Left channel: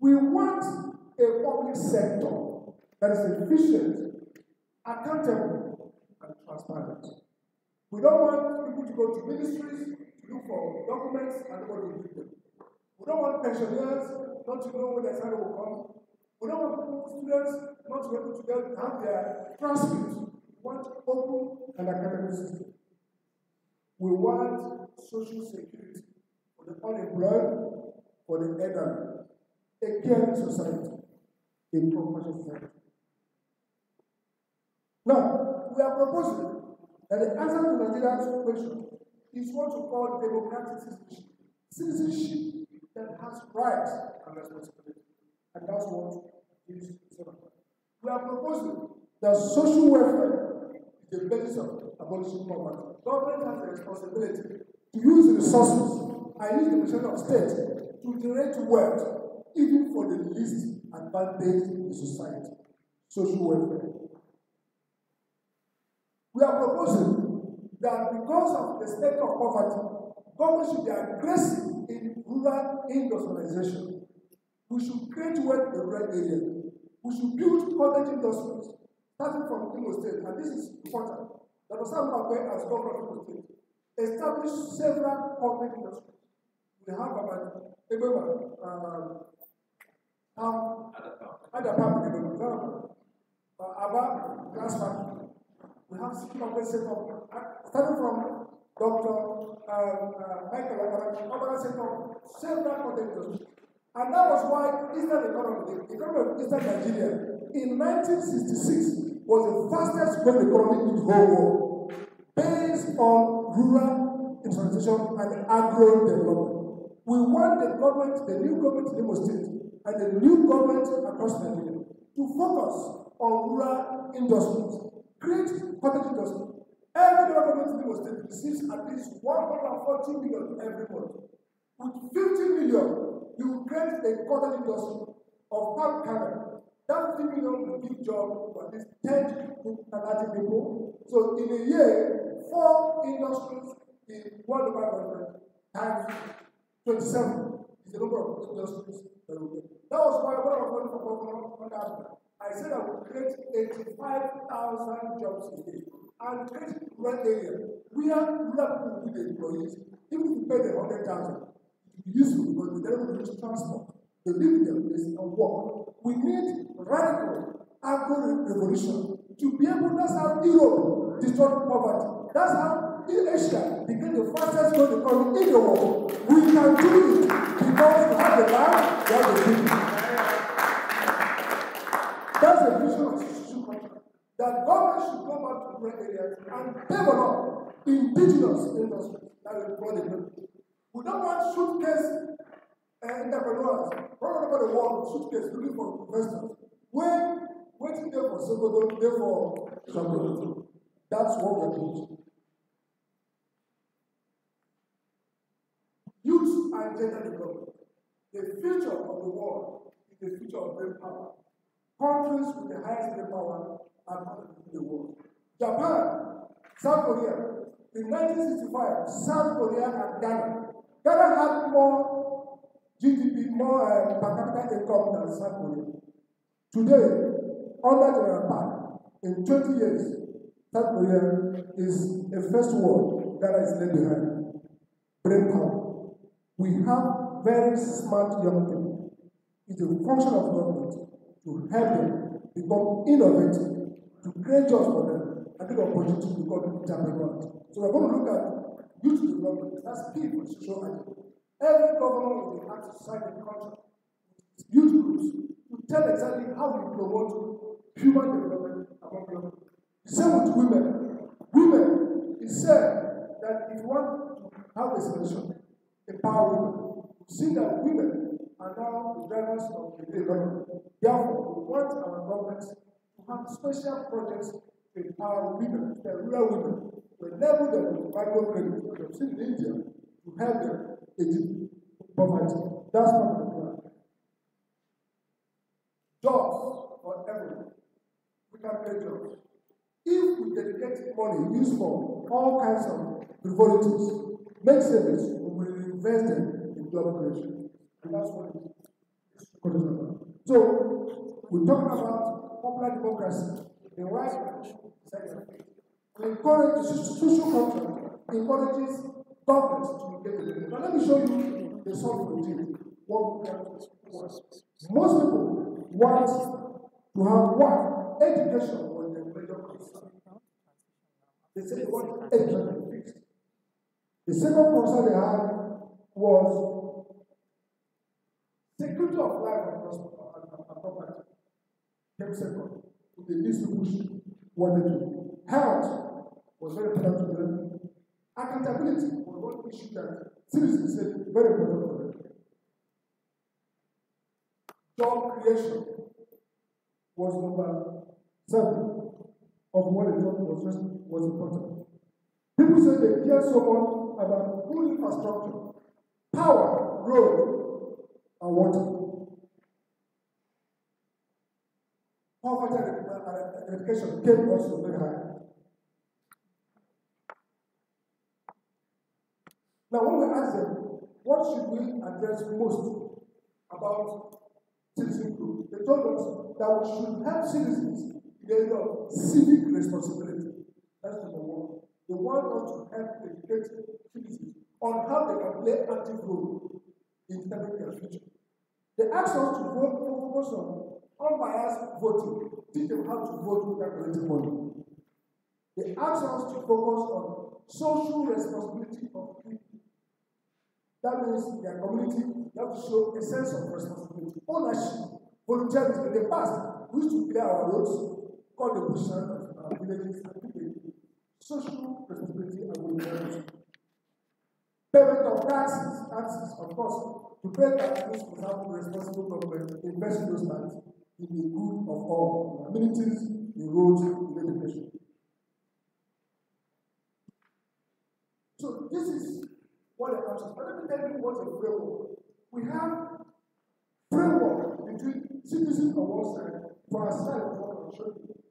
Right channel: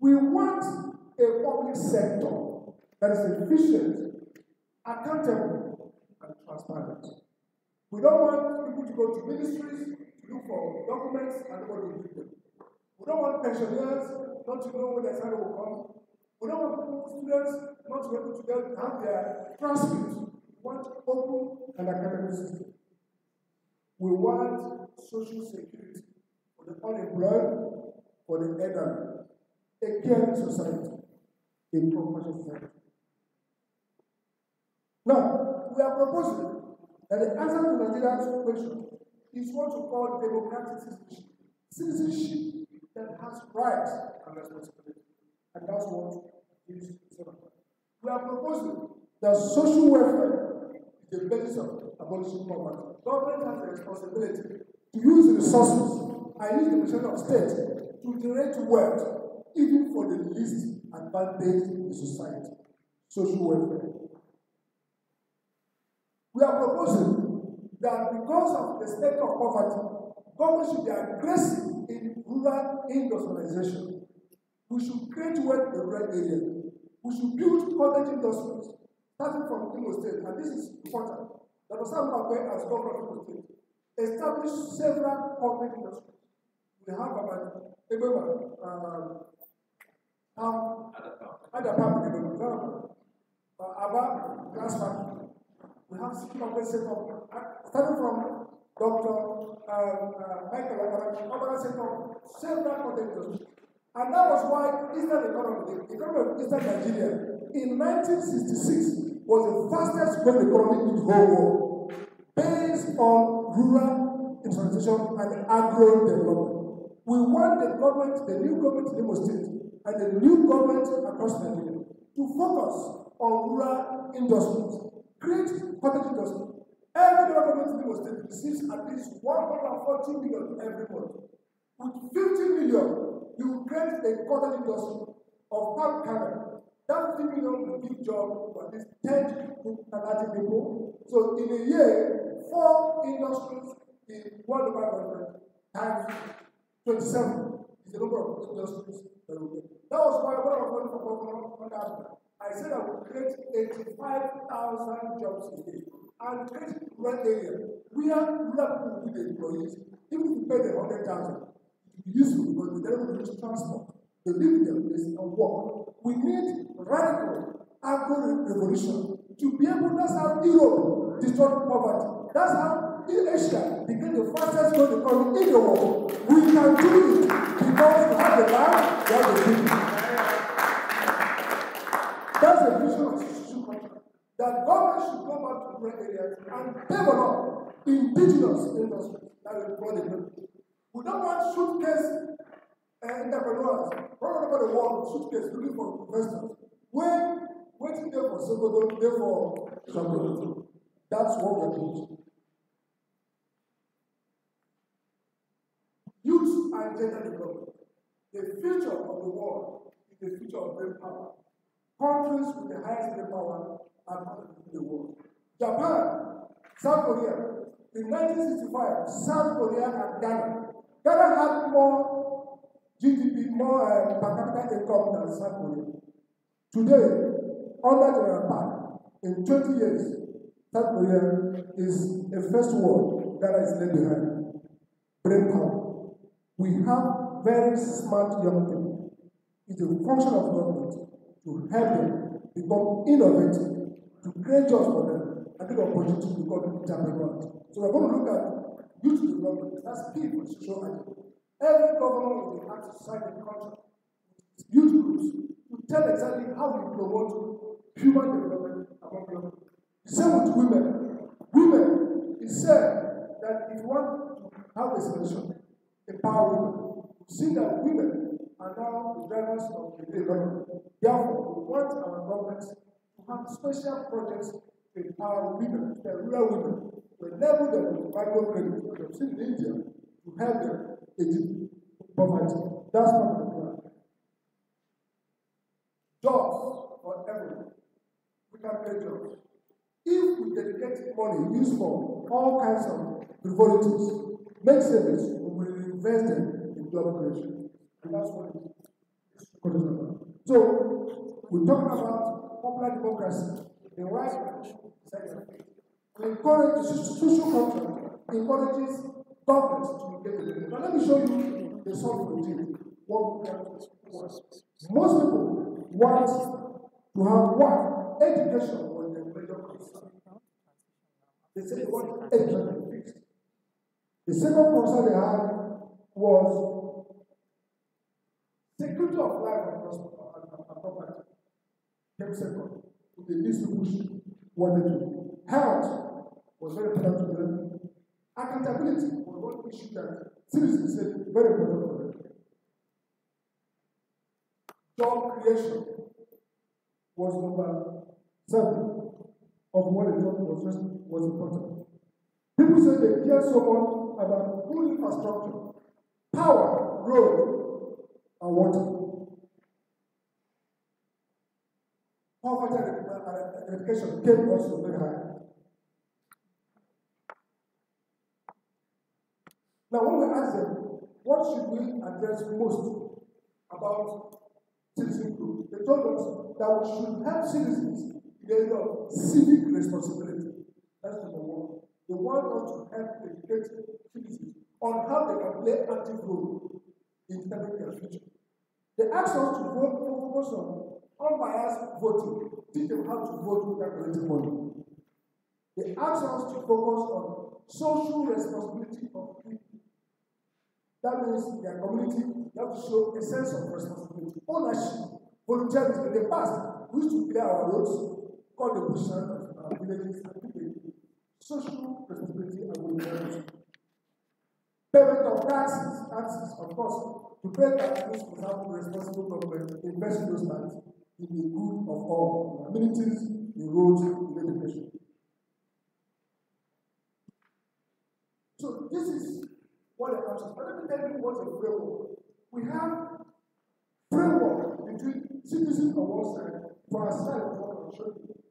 We want a public sector that is efficient, accountable, and transparent. We don't want people to go to ministries to look for documents and nobody will give them. We don't want pensioners not to know when their salary will come. We don't want students not to be able to have their transcripts. We want open and academic system. We want social security for the unemployed, for the elderly, a caring society, a compassionate society. Now, we are proposing that the answer to Nigeria's question is what we call democratic citizenship. Citizenship that has rights and responsibilities. And that's what this is about. We are proposing that social welfare is the basis of abolishing poverty. Government has the responsibility to use the resources and use the percent of state to generate wealth, even for the least advantaged in society. Social welfare. We are proposing that because of the state of poverty, government should be aggressive in rural industrialization. We should create wealth in the rural area. We should build cottage industries, starting from Imo State, and this is important. Dr. Sam Bakwe, as governor of Imo State, established several cottage industries. We have about about glass factory. We have set up, starting from Dr. Michael Owerri set up several cottage industries. And that was why Eastern economy, the economy of Eastern Nigeria, in 1966 was the fastest growing economy in the whole world, based on rural industrialization and agro development. We want the government, the new government in Imo State, and the new government across Nigeria to focus on rural industries, create cottage industry. Every government in Imo State receives at least 140 million every month. With 50 million, you will create a cottage industry of palm kernel. That 50 million will give job to at least 10 to 30 people. So in a year, 4 industries in one local government times 27 is the number of industries that will get. That was why when I was running for governor on that, I said I would create 85,000 jobs a day and create rural area where rural people will be the employees. Even if you pay them 100,000, useful because they don't use transport. They live in their place and work. We need radical agro-revolution to be able, that's how Europe destroyed poverty. That's how Asia became the fastest growing economy in the world. We can do it because we have the land, we have the people. That's the vision of social contract. That government should go back to rural areas and develop indigenous industries that will grow the people. We don't want suitcase entrepreneurs running over the world with suitcase looking for investors. When waiting there for Sokoto, there for Sokoto. That's what we're doing. Youth and gender development. The future of the world is the future of brain power. Countries with the highest brain power are in the world. Japan, South Korea. In 1965, South Korea and Ghana. Ghana had more GDP, more per capita income than South Korea. Today, under General Park, in 20 years, South Korea is a first world. Ghana is left behind. Brain power. We have very smart young people. It's a function of government to help them become innovative, to create jobs for them, and give opportunity to become entrepreneurs. So we're going to look at youth development. That's key for social agenda. Every government will have to sign a contract with youth groups to tell exactly how we promote human development among young people. The same with women. Women, it said that if you want to have a solution, empower women. We've seen that women are now the drivers of the economy. Therefore, we want our governments to have special projects to empower women, the rural women, to enable them with microcredit. We have seen in India to help them in poverty. That's not the plan. Jobs for everyone. We can create jobs. If we dedicate money used for all kinds of frivolities, make savings, we will invest them in job creation. And that's what it is. So, we're talking about popular democracy, the right to encourage the social contract, encourages governments to engage with it. Now, let me show you the sort of thing. What was. Most people want to have one education on the major concern. They say they want education fixed. The second concern they had was security of life and property. Came second. The least people wanted to. Health was very important to them. Accountability was one issue that citizens said very important for them. Job creation was number 7 of what the job was important. People say they care so much about good infrastructure, power, road, and water. Poverty and education came also very high. Now, when we ask them, what should we address most about citizen group, they told us that we should help citizens in the area of civic responsibility. That's number 1. They want us to help educate citizens on how they can play active role in determining their future. They asked us to focus on unbiased voting, teach them how to vote without collecting money. They asked us to focus on social responsibility of people. That means in their community, you have to show a sense of responsibility, ownership, volunteerism. In the past, we used to clear our roads, call the bush of our villages, and people. Social responsibility and volunteerism. Payment of taxes, of course. To pay taxes without responsible government, invest in those taxes in the good of all, in amenities, in roads, in education. So this is what the answer is. But let me tell you what's a framework. We have framework between citizens on one side, for our side,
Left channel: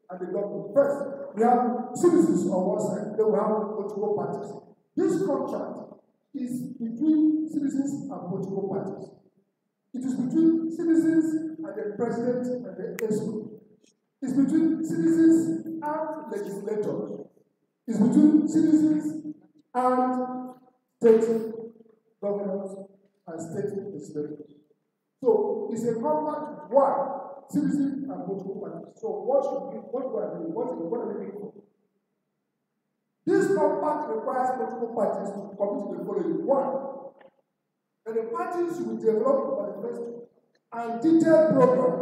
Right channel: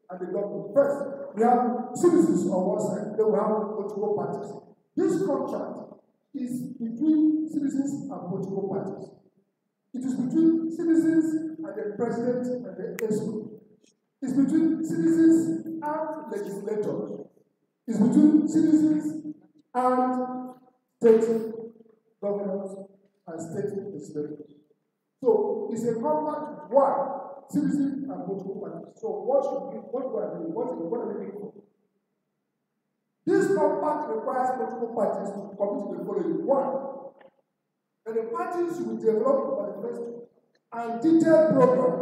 and the government. First, we have citizens on one side, then we have political parties. This contract is between citizens and political parties. It is between citizens and the president and the ESCO. It's between citizens and legislators. It's between citizens and state governors and state legislators. So it's a compact with one, citizens and political parties. So what are we doing? What are we looking for? This compact requires political parties to commit to the following. 1, that the parties will develop a manifesto and detailed program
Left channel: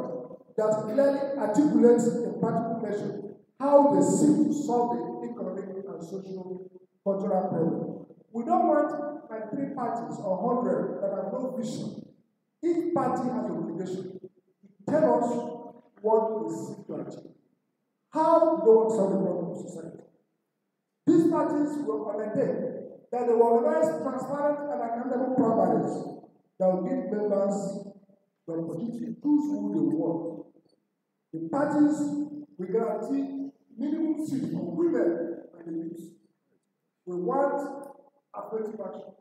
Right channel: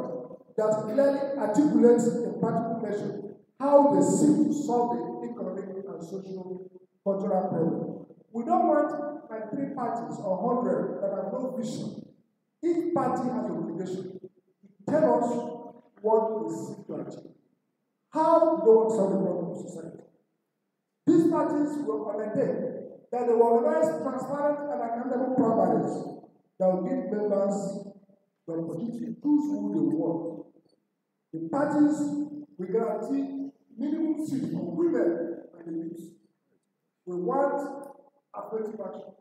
that clearly articulates in practical measure how they seek to solve the economic and social cultural problem. We don't want like 3 parties or 100 that have no vision. Each party has an obligation to tell us what they seek to achieve. How they want to solve the problem of society. These parties will undertake that they will organize transparent and accountable primaries that will give members the opportunity to choose who they want. The parties will guarantee minimum seats for women and the youth. We want affirmative action.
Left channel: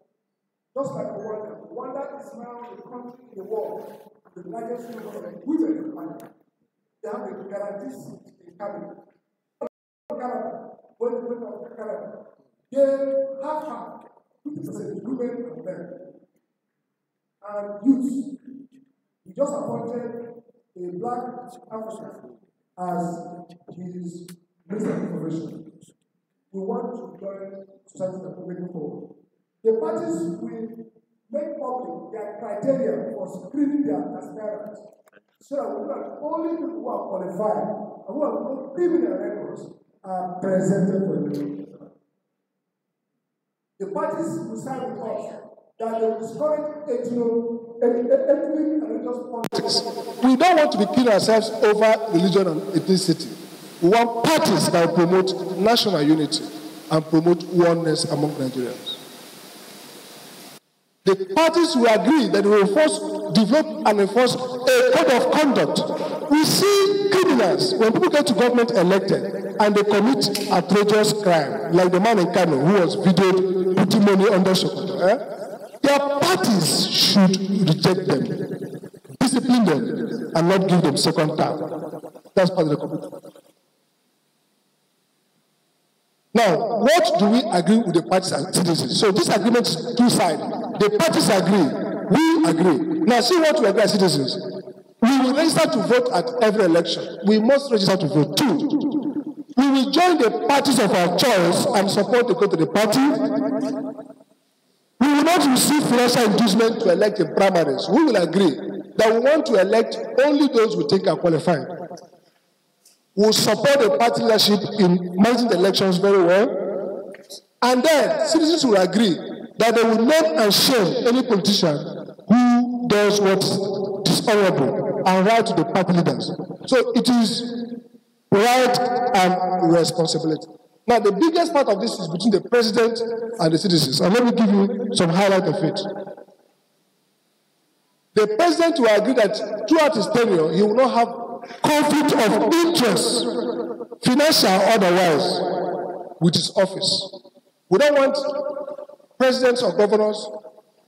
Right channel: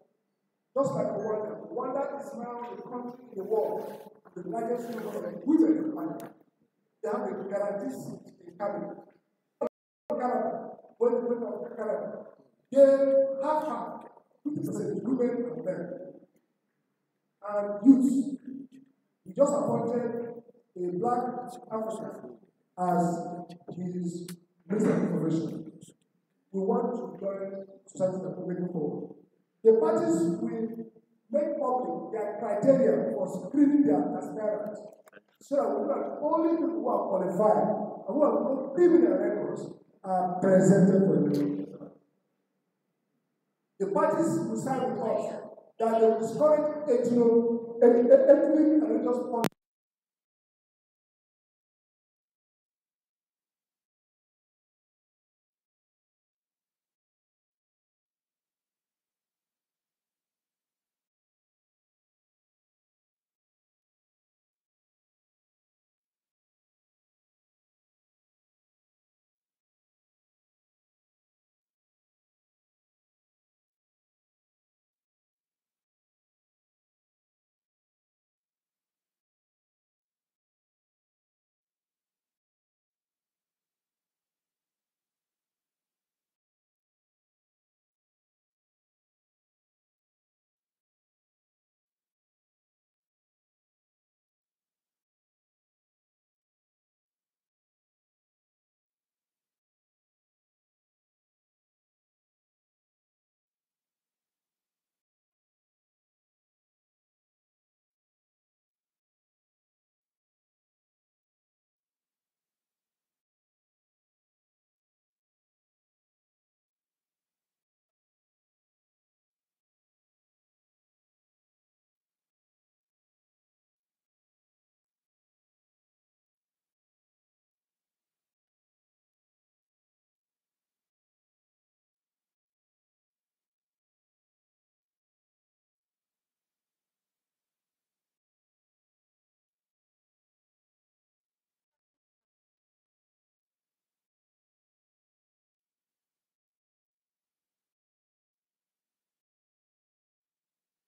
Just like Rwanda. Rwanda is now the country in the world with the largest number of women in Rwanda. They have a guaranteed seat in cabinet. Canada, when the women of Canada, they have 50% women and men. And youth. We just appointed a black African as his Minister of Information. We want to join society that we're making forward. The parties will make public their criteria for screening their aspirants so that we not only people who are qualified and who have no criminal records are presented for the The parties will sign with us that they will discourage ethnic and religious politics. We don't want to be killing ourselves over religion and ethnicity. We want parties that will promote national unity and promote oneness among Nigerians. The parties will agree that they will develop and enforce a code of conduct. We see criminals, when people get to government elected and they commit outrageous crime, like the man in Kano who was videoed putting money under Sokoto. Their parties should reject them. This is discipline them and not give them second term. That's part of the commitment. Now, what do we agree with the parties and citizens? So this agreement is two-sided. The parties agree, we agree. Now, see what we agree as citizens. We will register to vote at every election. We must register to vote. 2, we will join the parties of our choice and support the go to the party. We will not receive financial inducement to elect in primaries. We will agree that we want to elect only those we think are qualified. We will support the party leadership in managing the elections very well. And then citizens will agree that they will name and shame any politician who does what is dishonorable and right to the party leaders. So it is right and responsibility. Now, the biggest part of this is between the president and the citizens. And let me give you some highlight of it. The president will agree that throughout his tenure, he will not have conflict of interest, financial or otherwise, with his office. We don't want presidents or governors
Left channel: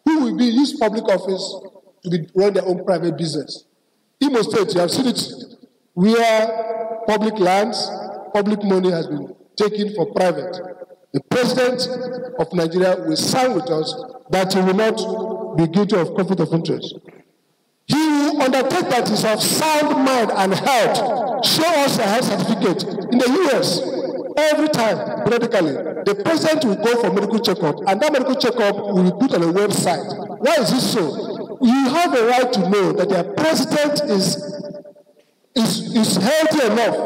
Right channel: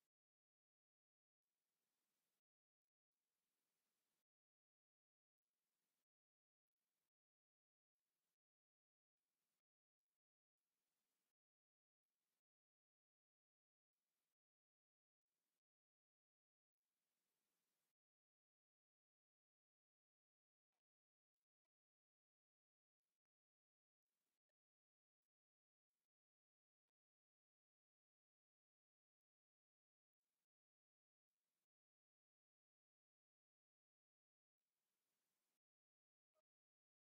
who will use public office to run their own private business. Imo State, you have seen it, where public lands, public money has been taken for private. The president of Nigeria will sign with us that he will not be guilty of conflict of interest. He will undertake that is of sound mind and health. Show us a health certificate. In the US, every time, periodically, the president will go for medical checkup, and that medical checkup will be put on a website. Why is this so? You have a right to know that your president is healthy enough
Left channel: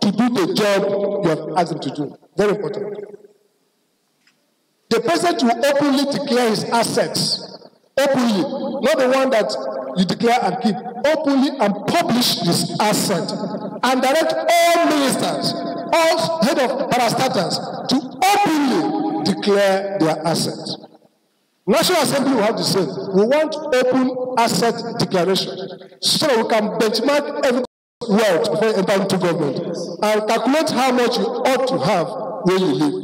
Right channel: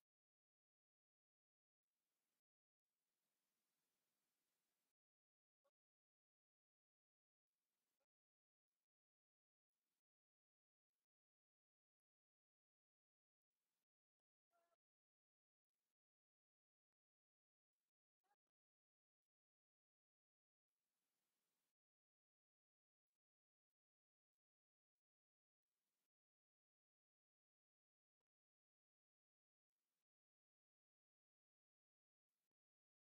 to do the job you have asked him to do. Very important. The president will openly declare his assets. Openly. Not the one that you declare and keep. Openly and publish his asset. And direct all ministers, all head of parastatals to openly declare their assets. National Assembly will have the same. We want open asset declaration so that we can benchmark every wealth before you enter into government and calculate how much you ought to have where you live.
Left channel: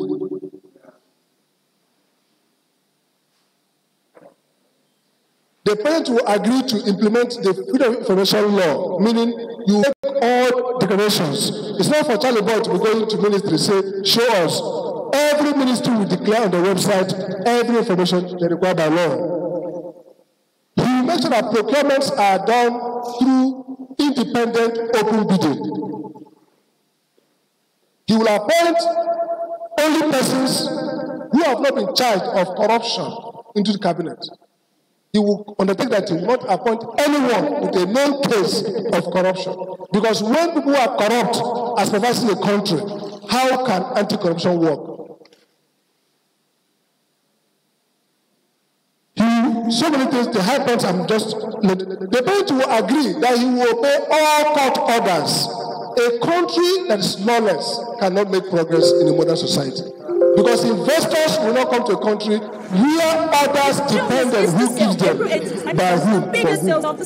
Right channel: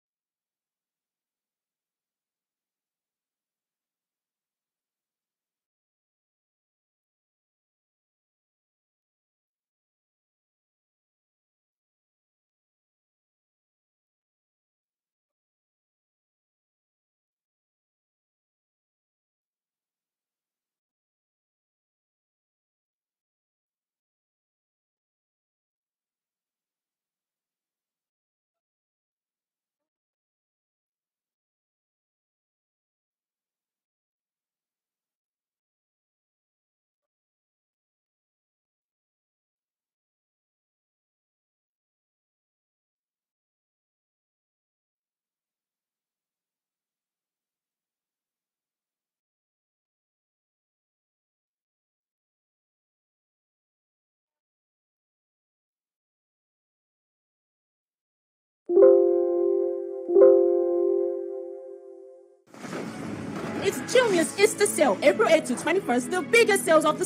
The president will agree to implement the Freedom of Information Law, meaning you make all declarations. It's not for Charlie Boy to be going to ministry say, show us. Every ministry will declare on the website every information they require by law. He will make sure that procurements are done through independent open bidding. He will appoint only persons who have not been charged of corruption into the cabinet. He will undertake that he will not appoint anyone with a known case of corruption. Because when people are corrupt as pervading the country, how can anti-corruption work? So many things, the high points I'm just... The point will agree that he will obey all court orders. A country that is lawless cannot make progress in a modern society. Because investors will not come to a country where others depend on who gives them, by whom, for whom.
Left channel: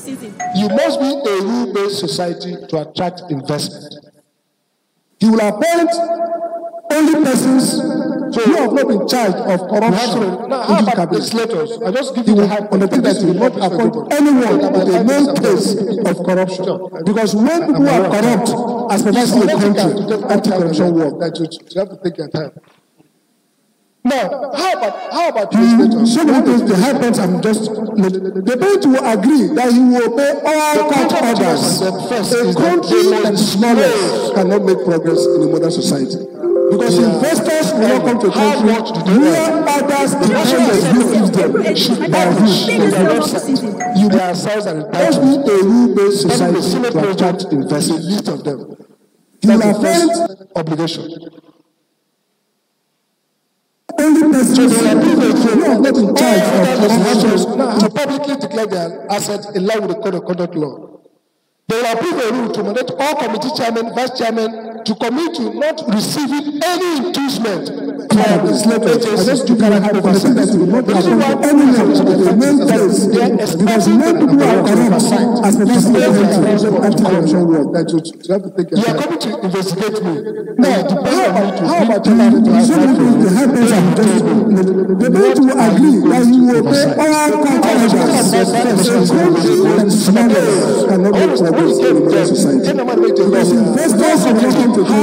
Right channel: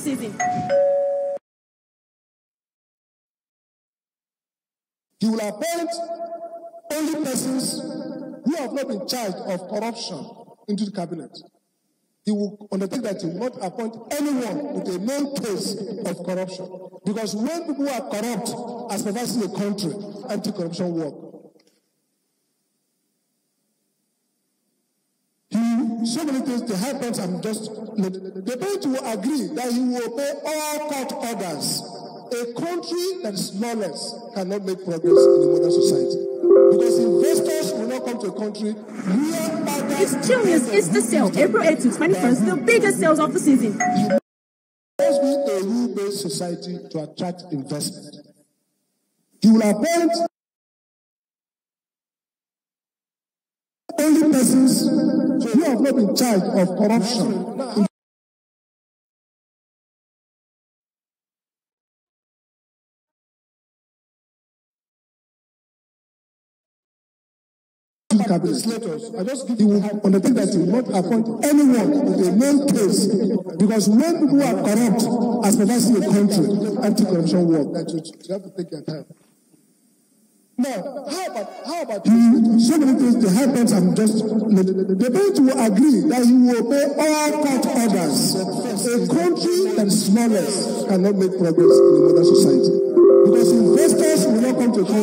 You must be a rule-based society to attract investment. He will appoint only persons who have not been charged of corruption. Now, how about legislators? I just give you the high undertake that he will not appoint anyone with a known case of corruption. Because when people are corrupt, as pervading the country, anti-corruption work. You have to take your time. Now, how about legislators? So many things, the high points I'm just... The point will agree that he will obey all court orders. A country that is lawless cannot make progress in a modern society. Because investors will not come to a country where others depend on who gives them, by whom, in their website. You themselves are entitled to a rule-based society to attract investment. List of them. That's the first obligation. Only persons who are not in charge of corruption to publicly declare their assets in line with the Code of Conduct law. They will approve a rule to mandate all committee chairmen, vice chairmen to commit to not receiving any inducement legislators, I just took out of oversight. Because many people are corrupt as a anti-corruption work. You have to take your time. You are coming to investigate me. Now, how about you have to help us and just the way to agree that you will pay all contractors and smugglers cannot make progress in the society. Because investors are looking to how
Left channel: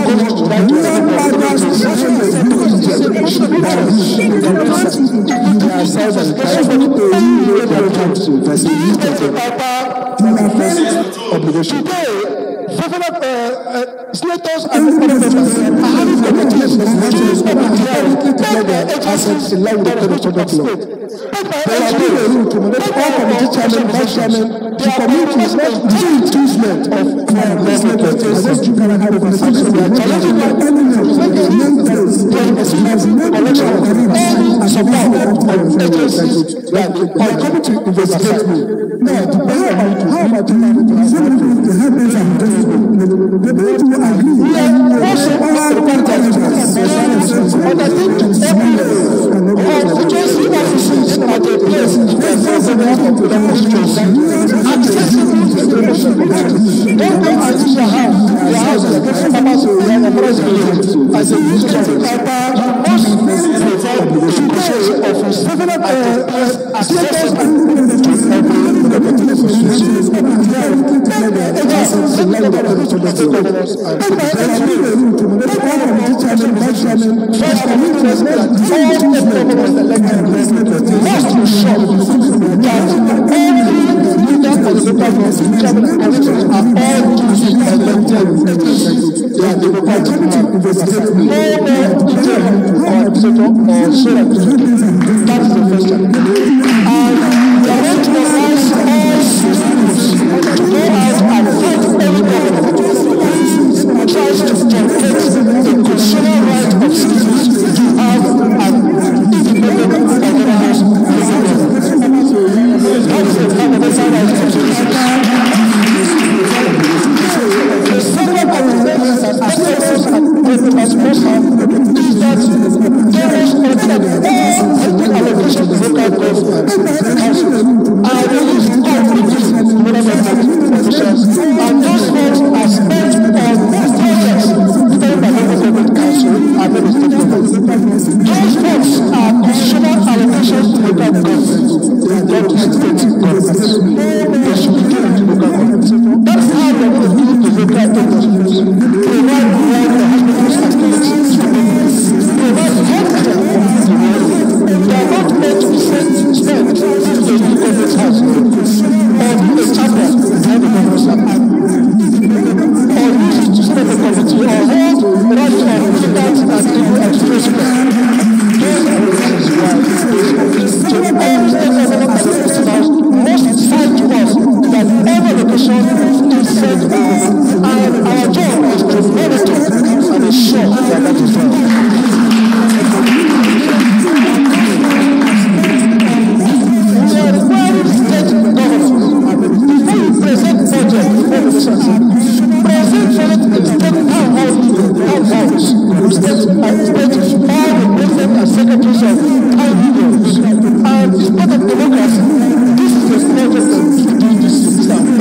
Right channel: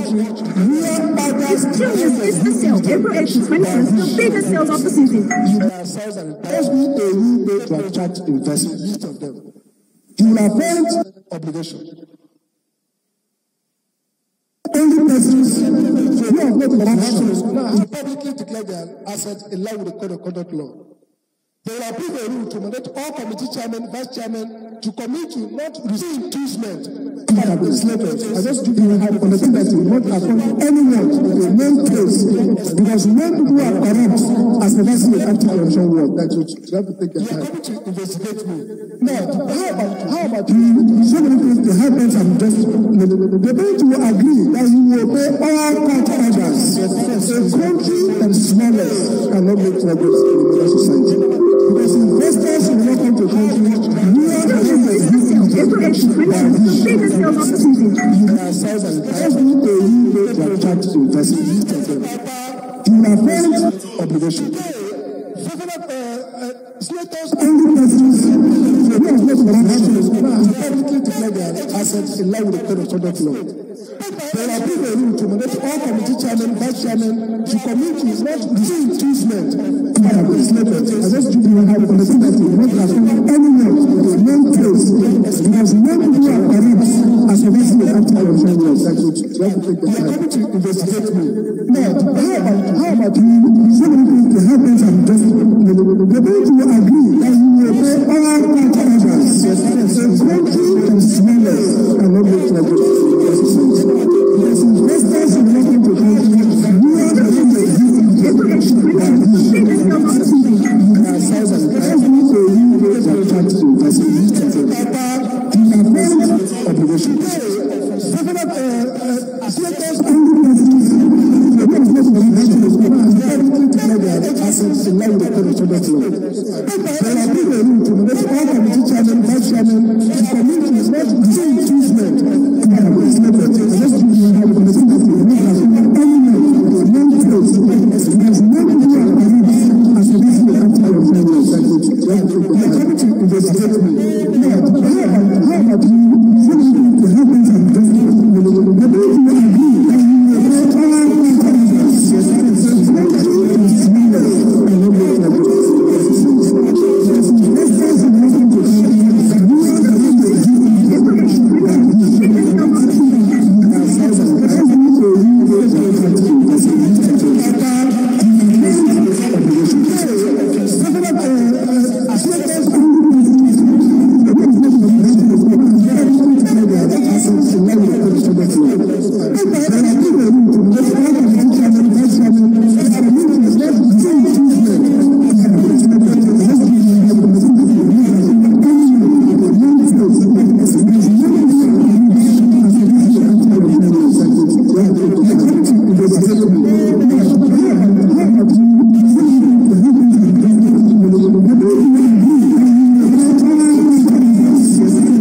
obligation. Senators and representatives are having committees together assets in line with the code of conduct law. There has been a rule to manage all committee chairman, vice chairman, to commit to impeachment of legislators. I just took out of oversight. We are challenging my enemies. Election and support of agencies that are coming to investigate me. Now, how about you to help us and the way to agree also all contractors but I think constituency offices at a place of the constituency accessible information. Don't go and use your house as a president as a minister of you must provide the office at a place accessible to tries to generate the consumer right of citizens to have an independent organized the second advantage that assessors and regulators must have is that there is all allocations to local government councils are released completely to local government officials, and those funds are spent on projects spent by local government council and the state government. Those funds are consumer allocations to local government, not to state government. They should be given to local government. That's how we are going to do the local industries. Provide the right for hospitals and clinics to provide healthcare to the world. They are not meant to be spent in the government's house or a chapter behind the governor's house. Or use it to set up a committee or hold rights on militants and legal expressment. Those are the reasons why so all state government administrators must sign to us that every location is set up, and our job is to monitor and ensure that that is done. We are requiring state governments before you present budget before the citizens. Present for it in state town halls, state administrators, all the president and secretaries of town unions, and it's part of democracy. This is the project that we do this project.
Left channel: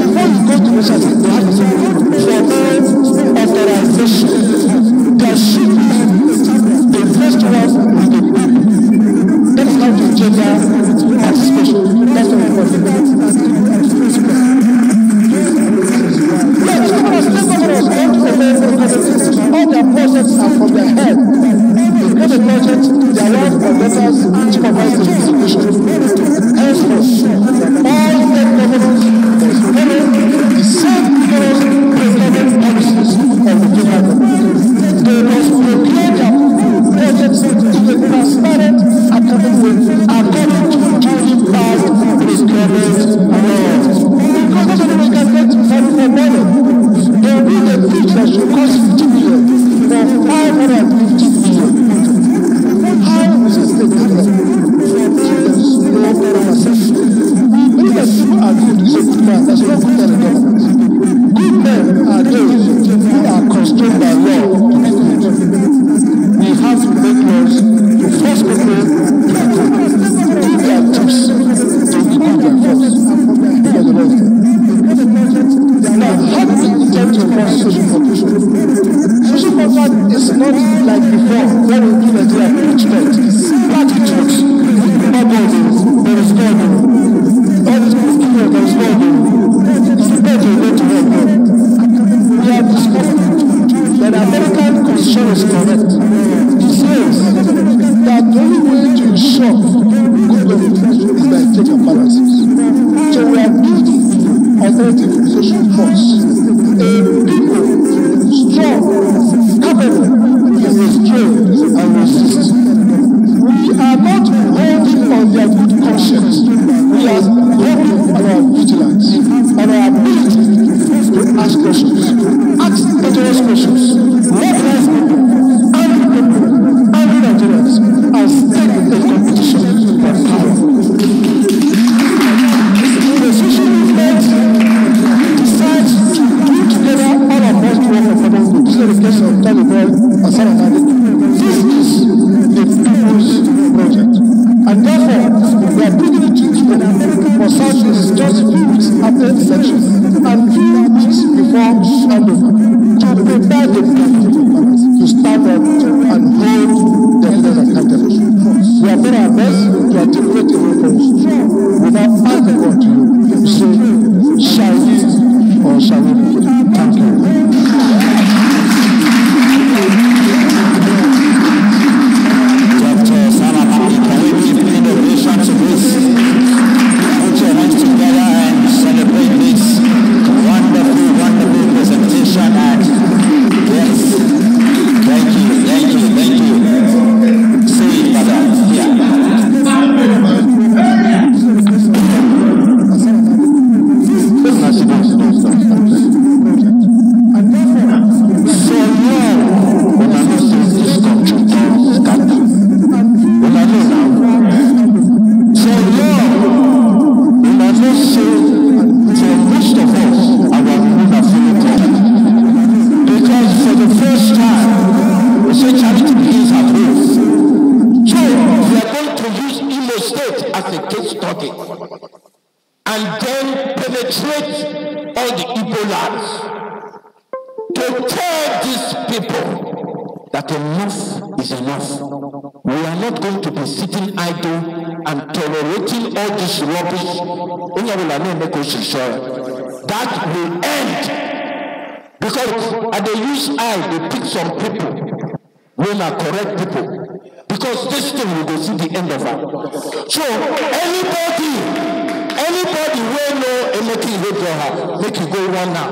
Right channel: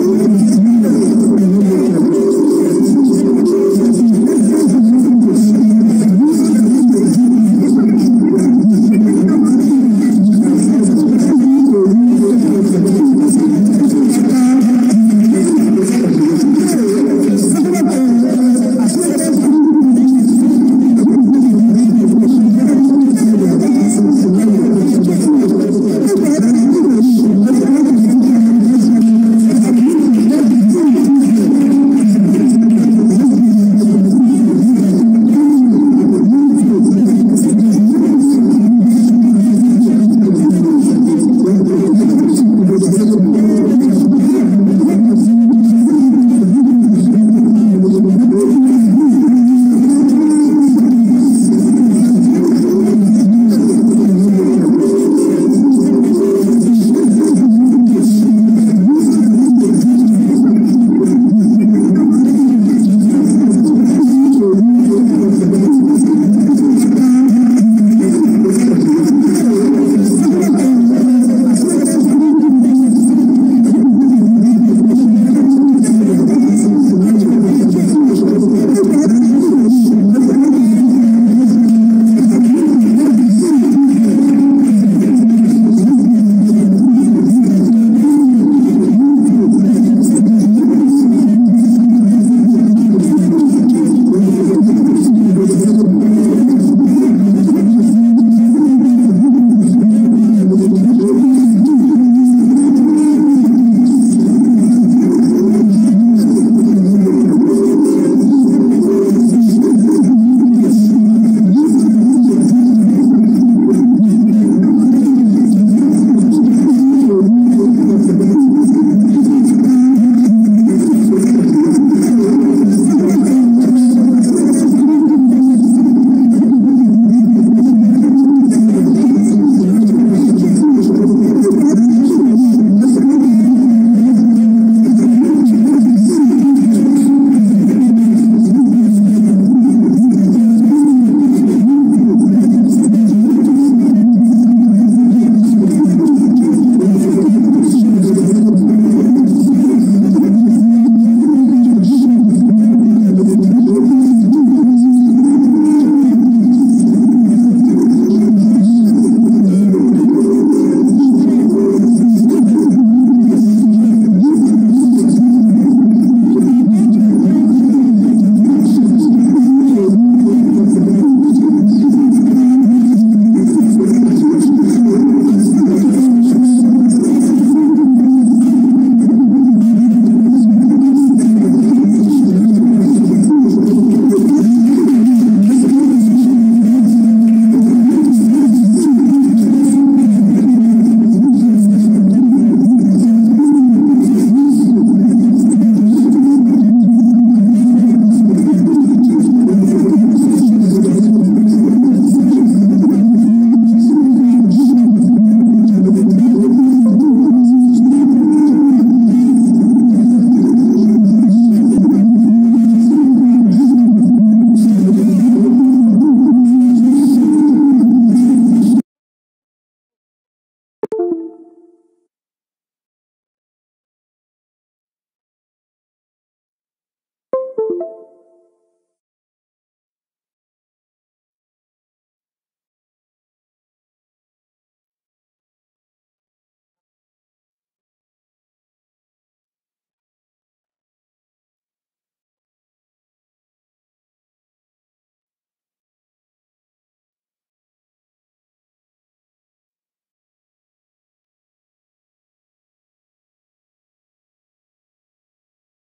Before you go to the city, you have to say formal authorization. There should be the first one with the people. That is how the gender participation. That's what we call it. All their projects are from their head. They get a project, they are Social contract is not like before when we give Nigeria treatment. Platitudes. There is God. All these people there is God. It's the best we go to help them. We have discovered that the American Constitution is correct. It says that the only way to ensure good government is by checks and balances. So we have built alternative social force. A people strong, capable, is restrained and resist. We are not holding on their good conscience. We are holding on our vigilance, on our ability to ask questions. Ask patronize questions. Recognize people, angry people, angry Nigerians, and stake a competition for power. The social movement decides to put together all of us to work for common good. This is the case of Taliban and Saranadi. This is the people's project. And therefore, we are bringing it to for Southeast just a few weeks after the election and few weeks before handover to prepare the people to stand up and hold the leaders accountable. We have done our best to articulate a way forward without asking God to you. Say, shall we or shall we? Thank you. That will end because at the use eye they pick some people when are correct people because this thing will go see the end of it. So anybody will know anything with her, make you go one now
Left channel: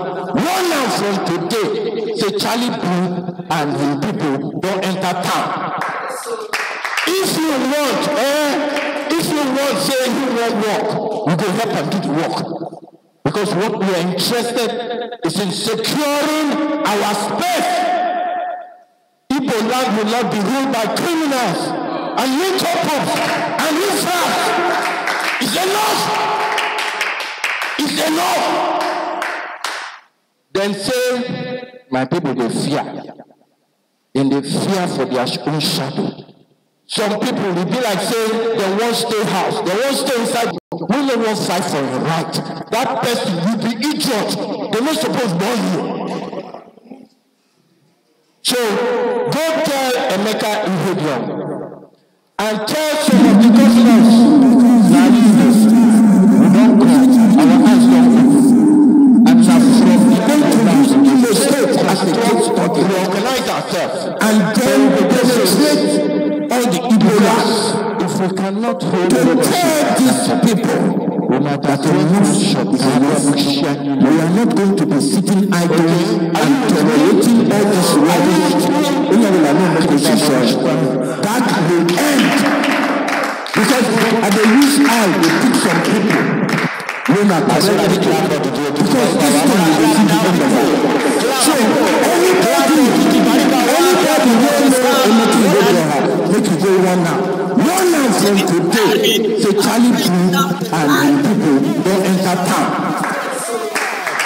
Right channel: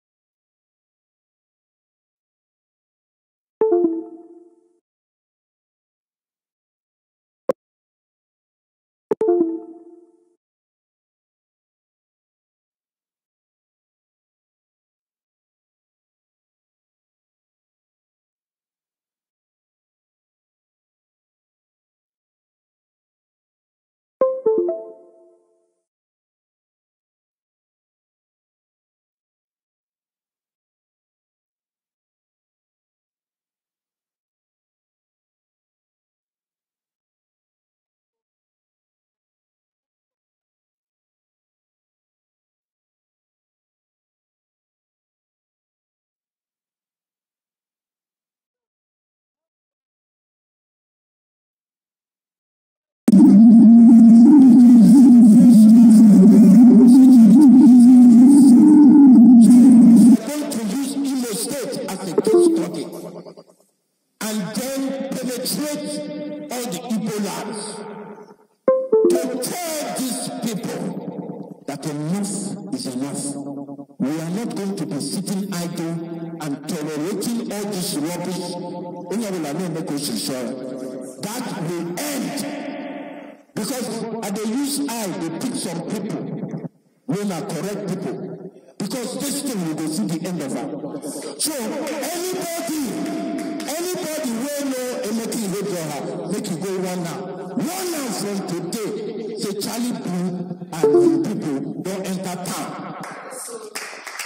from today. Say Charlie Blue and his people don't enter town. If you want, say you won't walk, we go help and do the work. Because what we are interested is in securing our space. Igbo land will not be ruled by criminals and lynchers and witchcraft. It's enough. It's enough. Then say, my people, they fear. And they fear for their own shadow. Some people will be like saying they won't stay house, they won't stay inside. We don't want fight for your right. That person will be idiot. They're not supposed to burn you. So go tell Emeka Ihedion and tell some of the governors that we don't come, our eyes don't open. And now from the countries in the state as a case study, we organize ourselves and then we demonstrate all the Ebolas. If we cannot hold to tell these people that we are not going to be sitting idle and tolerating all this rubbish. That will end. Because at the use eye, they pick some people. Because this thing will see the end of it. So anybody make you go one now. One now from today, say Charlie Blue and people don't enter town.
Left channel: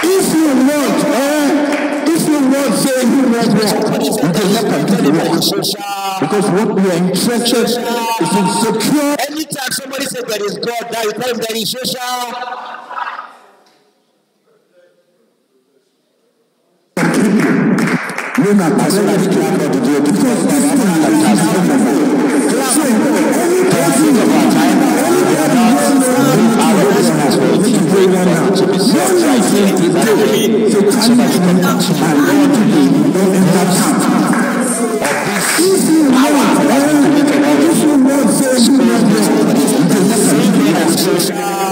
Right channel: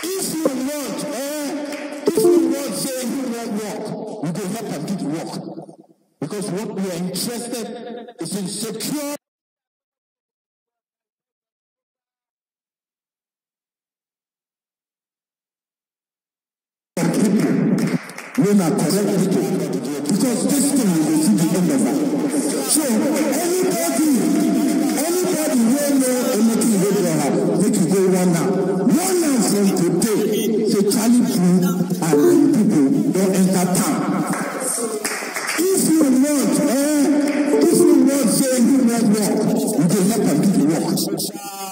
If you want, say you want work, you can help them do the work. Because what we are interested is in secure. Anytime somebody says there is God, now you tell him there is social. as soon as you clap for the day, because this thing has been think of our time, we will not leave our business for it to bring them to be solved right here in that way, so that we can continue. I don't want to be in that camp of this power that we can make a lot of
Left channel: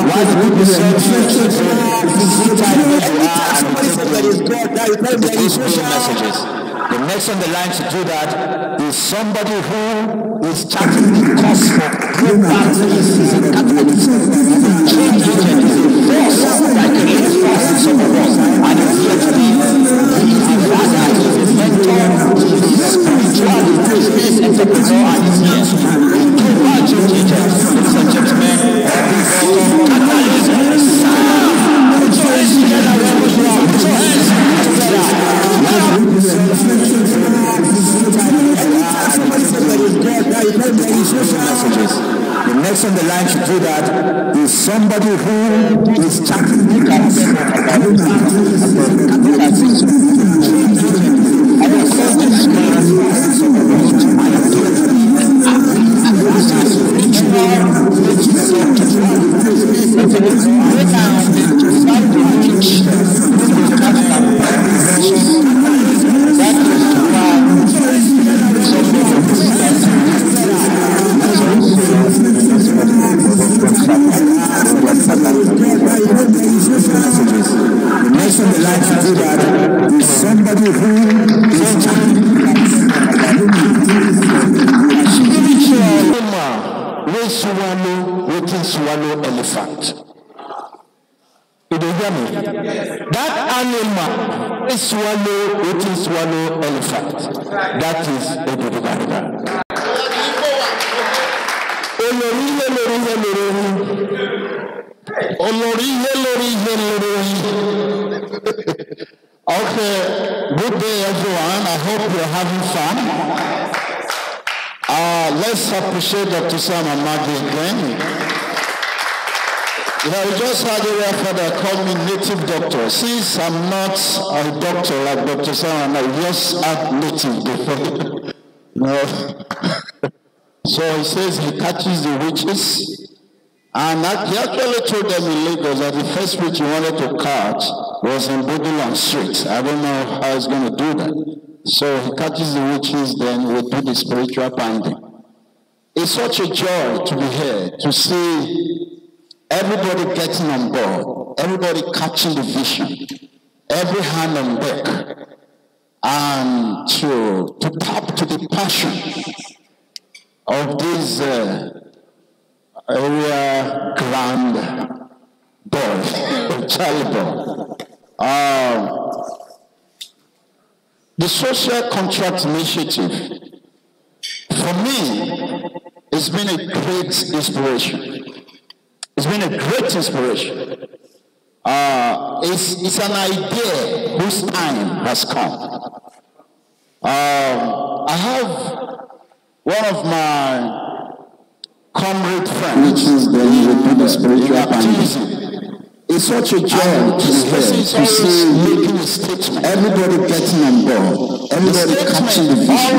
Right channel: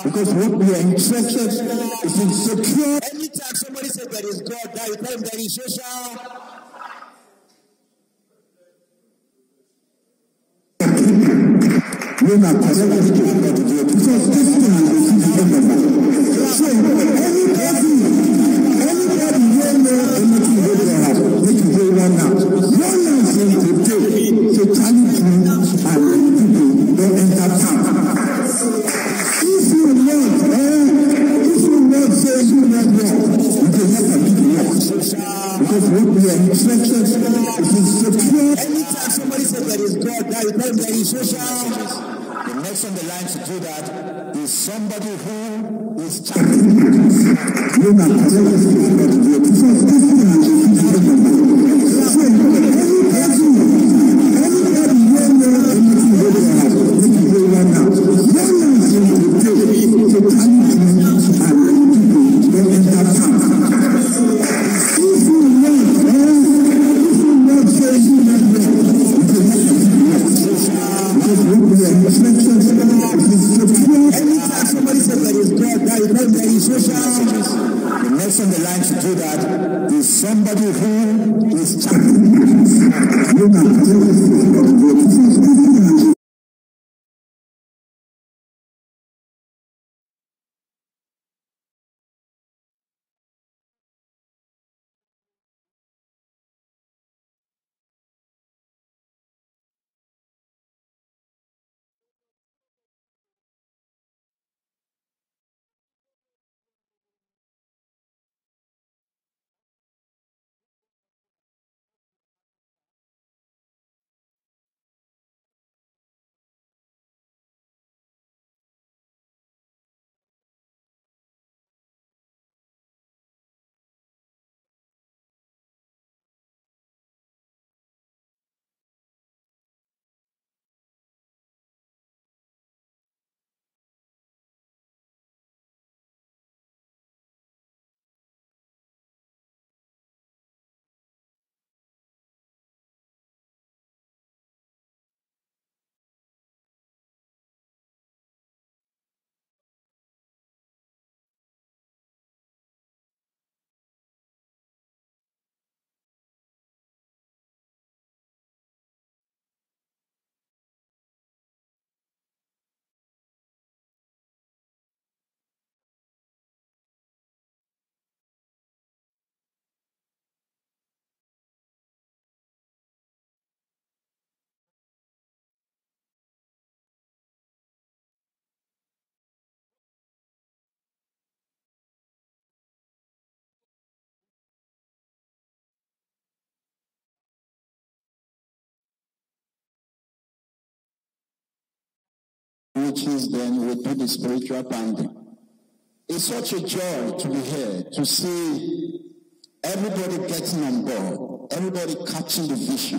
why the people say messages. The next on the line to do that is somebody who is charting the cost for programs. Is a catalyst, is a change agent, is a force that creates force in some of us. And it's here to be. He is a father, he is a mentor, he is a spiritual, business entrepreneur, and he's here. A global change agent. Ladies and gentlemen, catalyst, sound. Put your hands together wherever you are. Put your hands together. Messages. The next on the line to do that is somebody who is chatting with us swallow elephant. Did you hear me? That animal is swallow elephant. That is a Biafra. Okay, good day everyone. I hope you're having fun. Let's appreciate Dr. Sam and Maggie again. You know, we just had a referee call me native doctor. Since I'm not a doctor like Dr. Sam, I just add native before. No. So he says he catches the witches. And he actually told them in Lagos that the first witch he wanted to catch was in Bodulan Street. I don't know how he's going to do that. So he catches the witches, then we'll do the spiritual banding. It's such a joy to be here, to see everybody getting on board, everybody catching the vision, every hand on deck, and to tap to the passion of this area grand boy, child boy. The social contract initiative, for me, it's been a great inspiration. It's been a great inspiration. It's an idea whose time has come. I have one of my comrade friends, which is the spiritual activism. It's such a joy to see making a statement. Everybody getting on board, everybody catching the vision,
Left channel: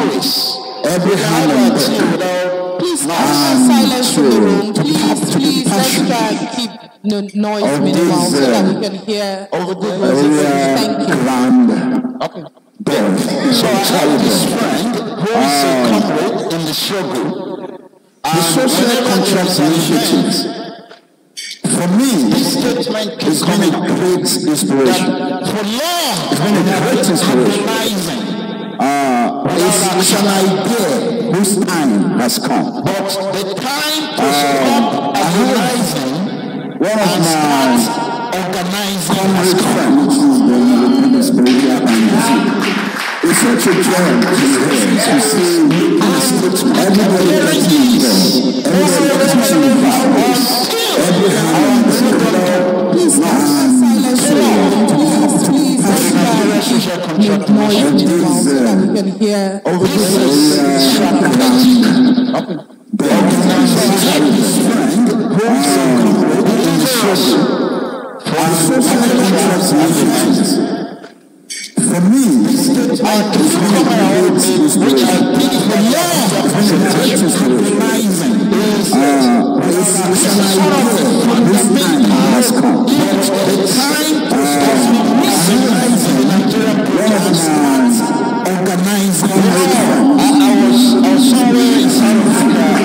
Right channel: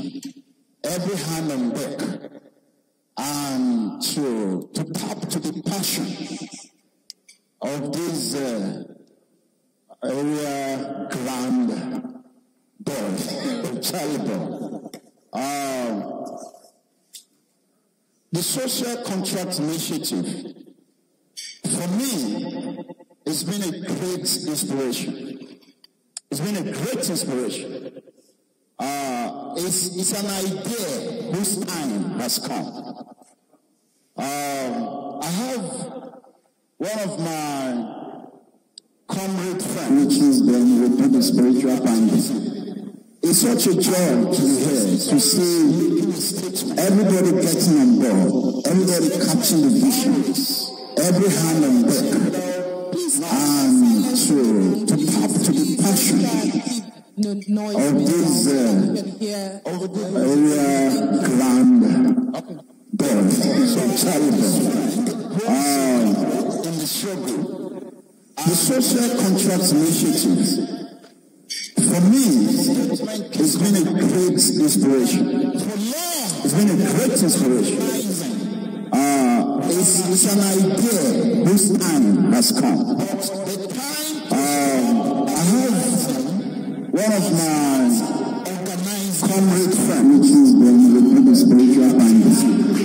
every hand on deck. Please, silence in the room. Please, let's try and keep the noise minimal so that we can hear over the music. Thank you. Okay. So I have this friend who is a comrade in the struggle. The social contract initiatives. For me, this statement has been a great inspiration. For long, it's been a great inspiration. It's an idea whose time has come. But the time to stop organizing, one of my comrade friends, the spiritual activism. It's such a joy to see everybody getting involved, everybody teaching the values, every hand please silence the room. Please make noise minimal so that we can hear over the For me, which I did for your presentation, is sort of the fundamental the time of missing the Nigerian protest. Organizing. I was somewhere in South Africa and I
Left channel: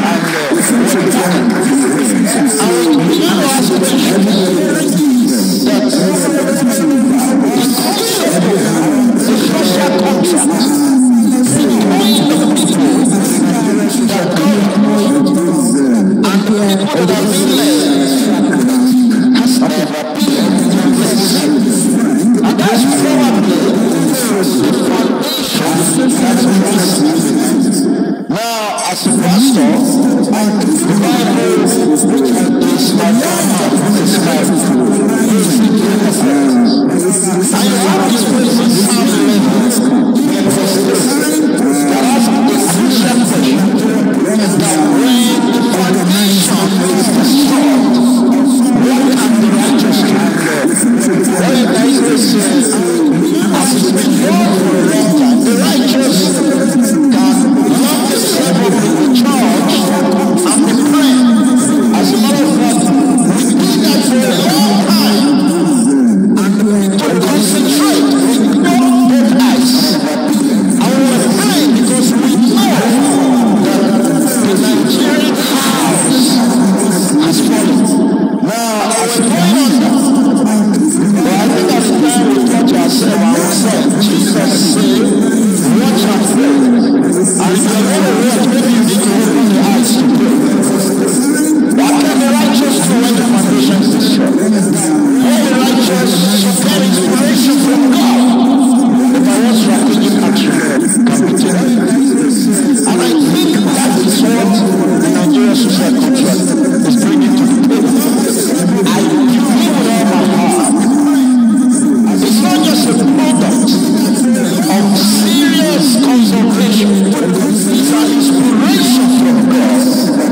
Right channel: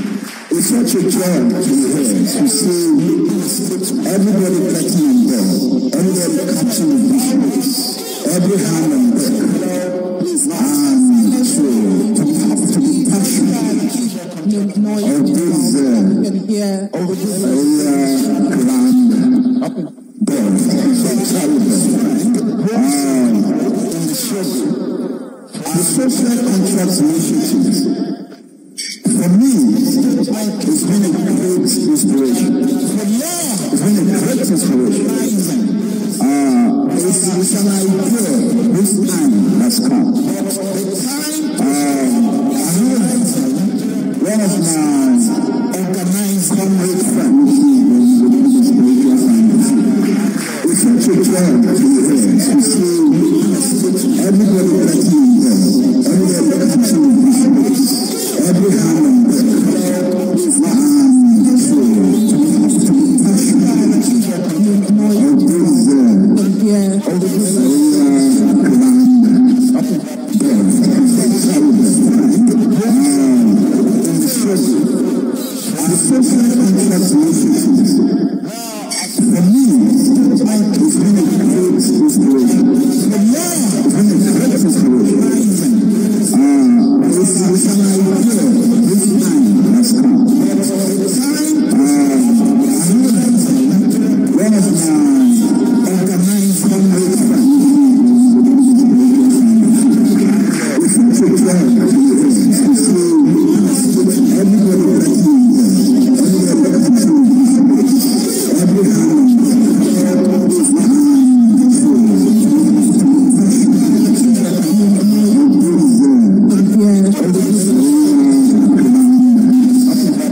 began to ask the question that the social contract between the people that govern and the people that are being led has never been replaced. And that's probably the foundation that's missing. Now, as a pastor, the Bible is my Bible, is my I have this place in Psalm 11, that has a crucial question that when the foundation is destroyed, what can the righteous do? What if the Israel says, as it's been known for a long time, the righteous can love themselves up in the church and be praying. As a matter of fact, we did that for a long time. And to concentrate, we ignore both eyes. And we were praying because we know that the Nigerian house has fallen. Now, as we're going on that, but I think at the time we touch ourselves, I would say, Jesus said, watch and pray. And if you're going to watch, maybe you need to open the eyes to pray. What can the righteous do when the foundation is destroyed? When the righteous should get inspiration from God. If I was strategic action can be taken. And I think that is what the Nigerian social contract is bringing to the table. I believe with all my heart. It's not just a product of serious consultation. It's an inspiration from God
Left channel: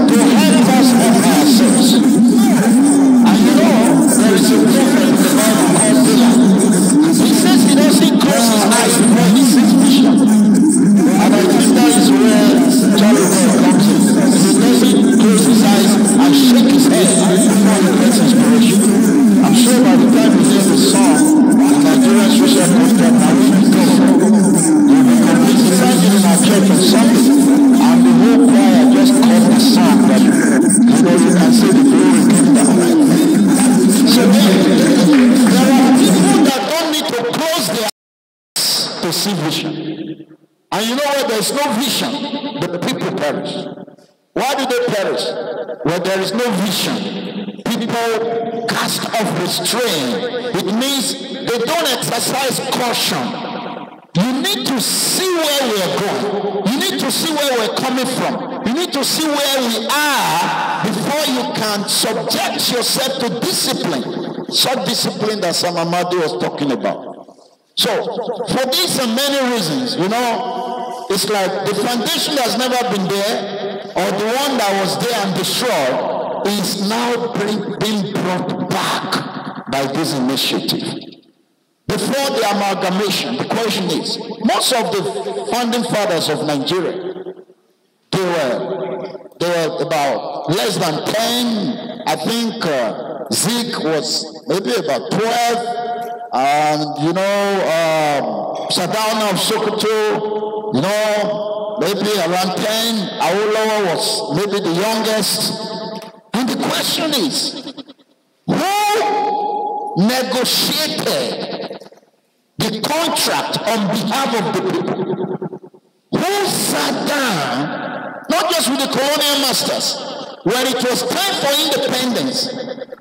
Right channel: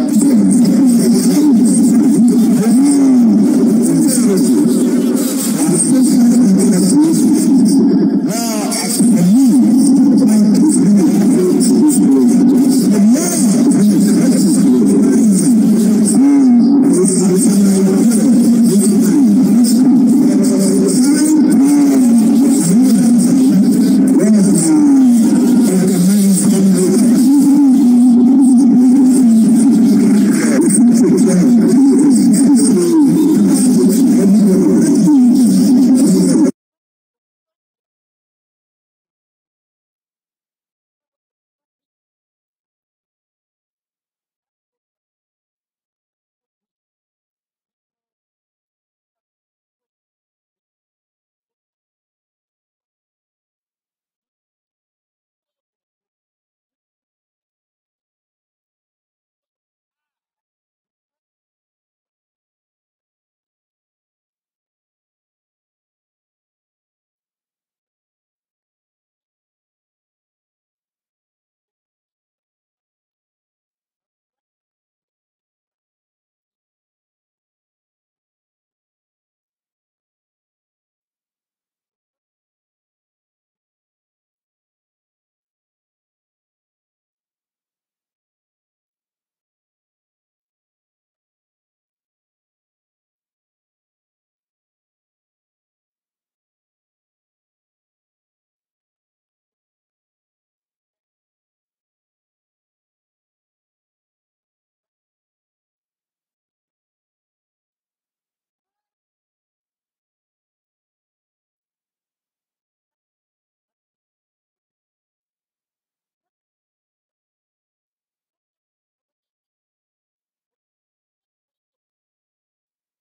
to help us help ourselves. And you know, there is a prophet in the Bible called Balaam. He says he doesn't close his eyes before he sees vision. And I think that is where Charlie Boy comes in. He doesn't close his eyes and shake his head before he gets inspiration. I'm sure by the time you hear the song, the Nigerian social contract, now we will go. You'll be completely singing in our church on Sunday, and the whole choir just caught the song that, you know, you can say the glory came down. So there are people that don't need to close their eyes to see vision. And you know where there is no vision, the people perish. Why do they perish? Where there is no vision, people cast off restraint. It means they don't exercise caution. You need to see where we are going. You need to see where we're coming from. You need to see where we are before you can subject yourself to discipline. Such discipline that Sam Amadi was talking about. So, for these and many reasons, you know, it's like the foundation has never been there, or the one that was there and destroyed is now being brought back by this initiative. Before the amalgamation, the question is, most of the founding fathers of Nigeria, they were about less than 10. I think Zeke was maybe about 12. And you know, Sardauna of Sokoto, you know, maybe around 10. Awolowo was maybe the youngest. And the question is, who negotiated the contract on behalf of the people? Who sat down, not just with the colonial masters, when it was time for independence?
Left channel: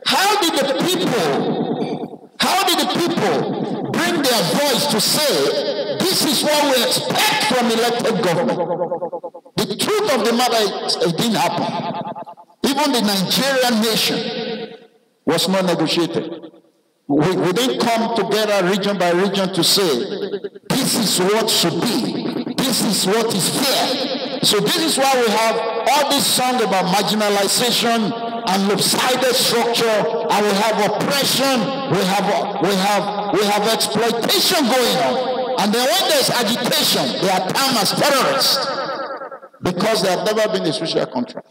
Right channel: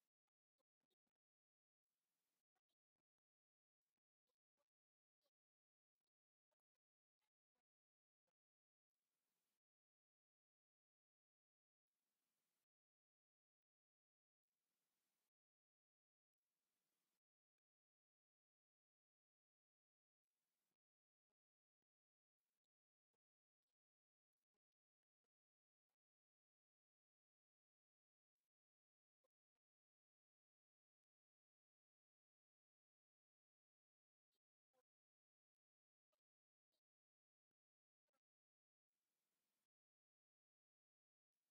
How did the people bring their voice to say, this is what we expect from elected government? The truth of the matter is, it didn't happen. Even the Nigerian nation was not negotiated. We didn't come together region by region to say, this is what should be. This is what is fair. So this is why we have all this song about marginalization and lopsided structure, and we have oppression, we have exploitation going on. And then when there's agitation, they are termed as terrorists because they have never been a social contract.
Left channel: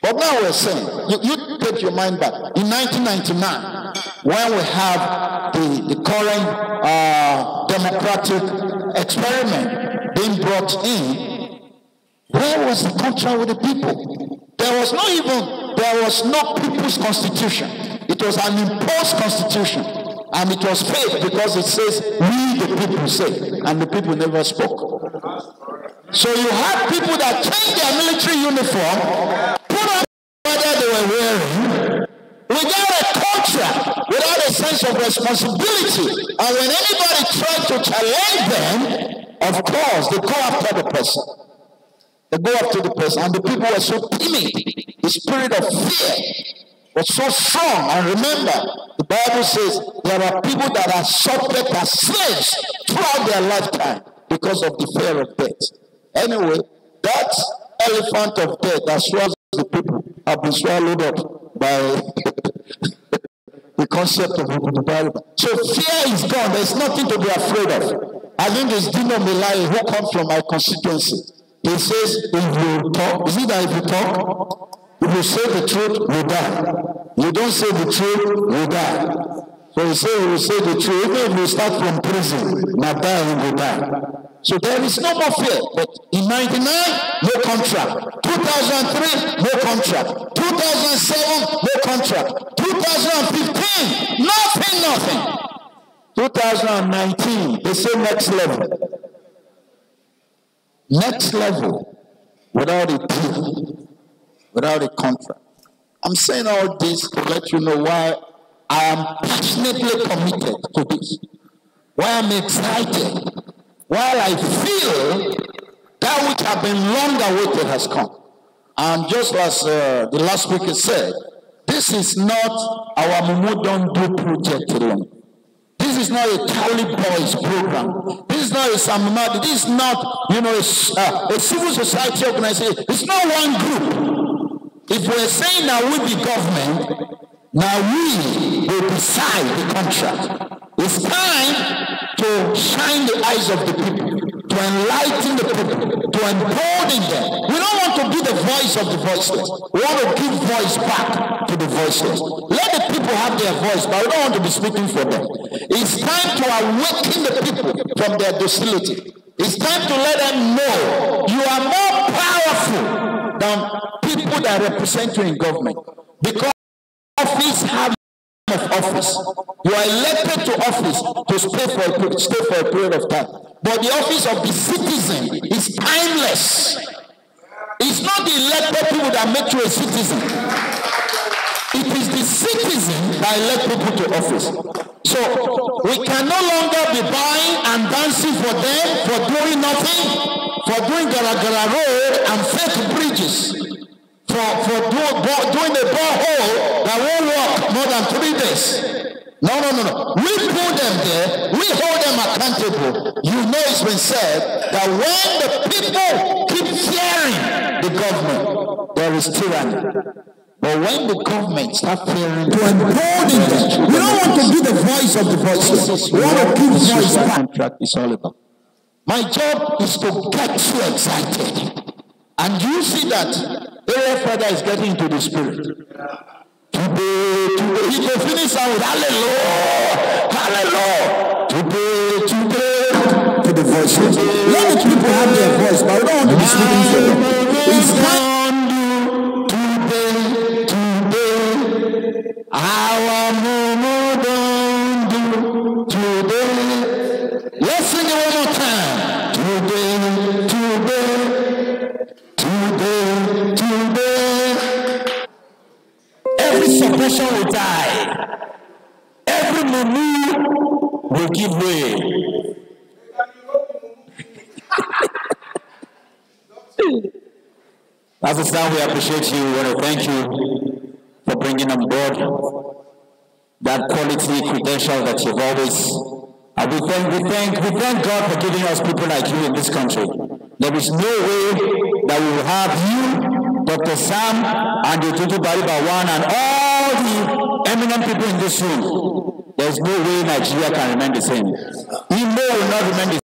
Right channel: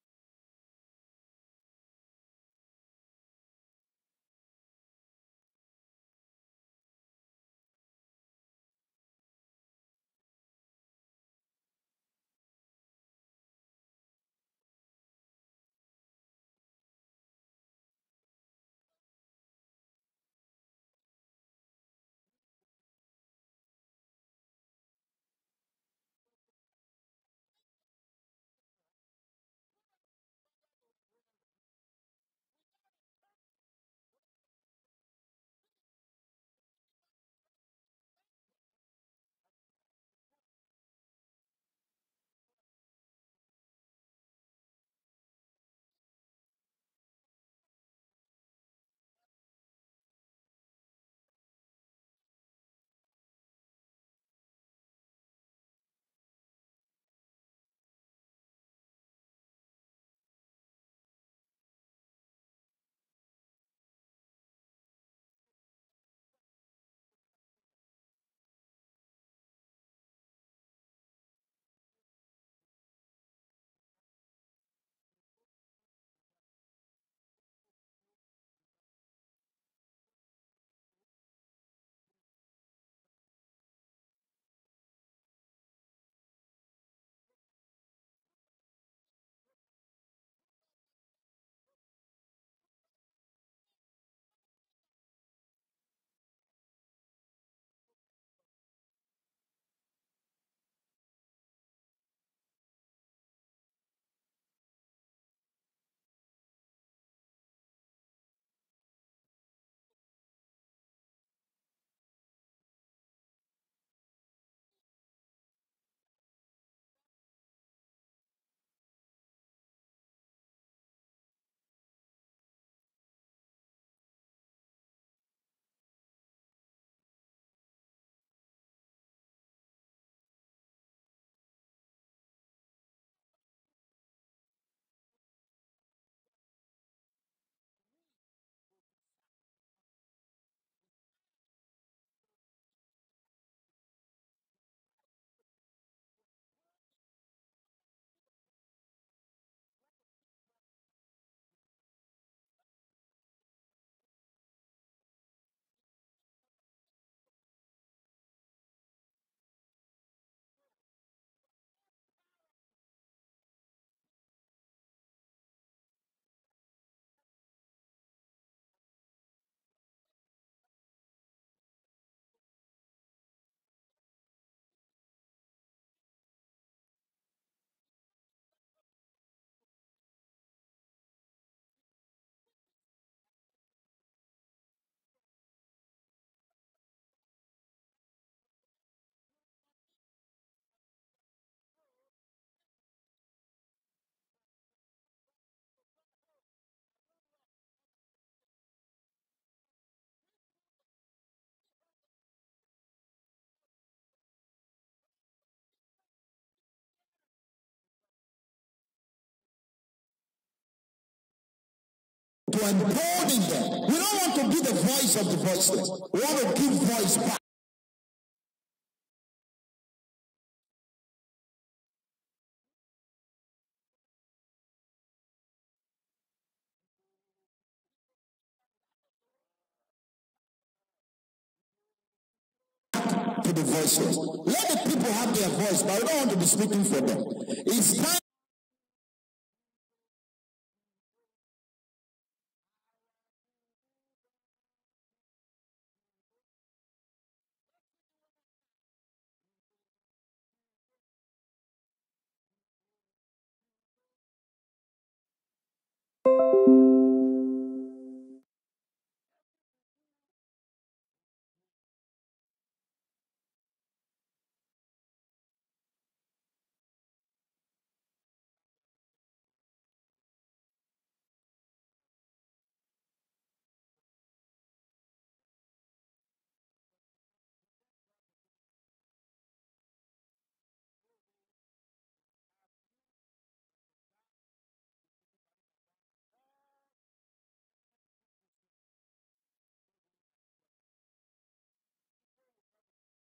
But now we're saying, you take your mind back. In 1999, when we have the current democratic experiment being brought in, where was the contract with the people? There was no people's constitution. It was an imposed constitution. And it was fake because it says, we the people say, and the people never spoke. So you had people that changed their military uniform, put on whether they were wearing, without a contract, without a sense of responsibility. And when anybody tried to challenge them, of course, they go after the person. They go after the person, and the people were so timid. The spirit of fear was so strong. And remember, the Bible says there are people that are subject as slaves throughout their lifetime because of the fear of death. Anyway, that elephant of death that swallows the people have been swallowed up by the concept of the Bible. So fear is gone. There's nothing to be afraid of. I think it's Dino Milai who comes from my constituency. He says, if you talk, is it that if you talk, if you say the truth, you die. You don't say the truth, you die. So he says, you say the truth, even if you start from prison, now die and you die. So there is no more fear. But in 99, no contract. 2003, no contract. 2007, no contract. 2015, nothing. 2019, they say next level. Next level, without a deal, without a contract. I'm saying all this to let you know why I am passionately committed to this. Why I'm excited. While I feel that which have been long awaited has come. And just as the last speaker said, this is not Our-Mumu don't do project alone. This is not a Cali Boys program. This is not a Samimadi. This is not, a civil society organization. It's not one group. If we're saying that we be government, now we will decide the contract. It's time to shine the eyes of the people, to enlighten the people, to embolden them. We don't want to be the voice of the voiceless. We want to give voice back to the voiceless. Let the people have their voice, but we don't want to be speaking for them. It's time to awaken the people from their docility. It's time to let them know you are more powerful than people that represent you in government. Because office have of office. You are elected to office to stay for a period of time. But the office of the citizen is timeless. It's not the elected people that make you a citizen. It is the citizen that elect people to office. So we can no longer be buying and dancing for them for doing nothing, for doing Gara Road and fake bridges. For doing a borehole that won't work more than 3 days. No. We put them there. We hold them accountable. You know it's been said that when the people keep fearing the government, there is tyranny. But when the government start fearing to embolden them, we don't want to be the voice of the voiceless. We want to give voice back. Contract is all about. My job is to get you excited. And you see that April Father is getting into the spirit. Today, he can finish out with hallelujah, today, to the voices. Let the people have their voice, but we don't want to be speaking for them. It's time today, Our-Mumu don't do today. Let's sing it one more time. Today. Every suppression will die. Every Mumu will give way. As a son, we appreciate you. We want to thank you for bringing on board that quality credential that you've always. We thank God for giving us people like you in this country. There is no way that we will have you, Dr. Sam, and the Tutu Bariba One, and all the eminent people in this room. there's no way Nigeria can remain the same. Imo will not remain the same.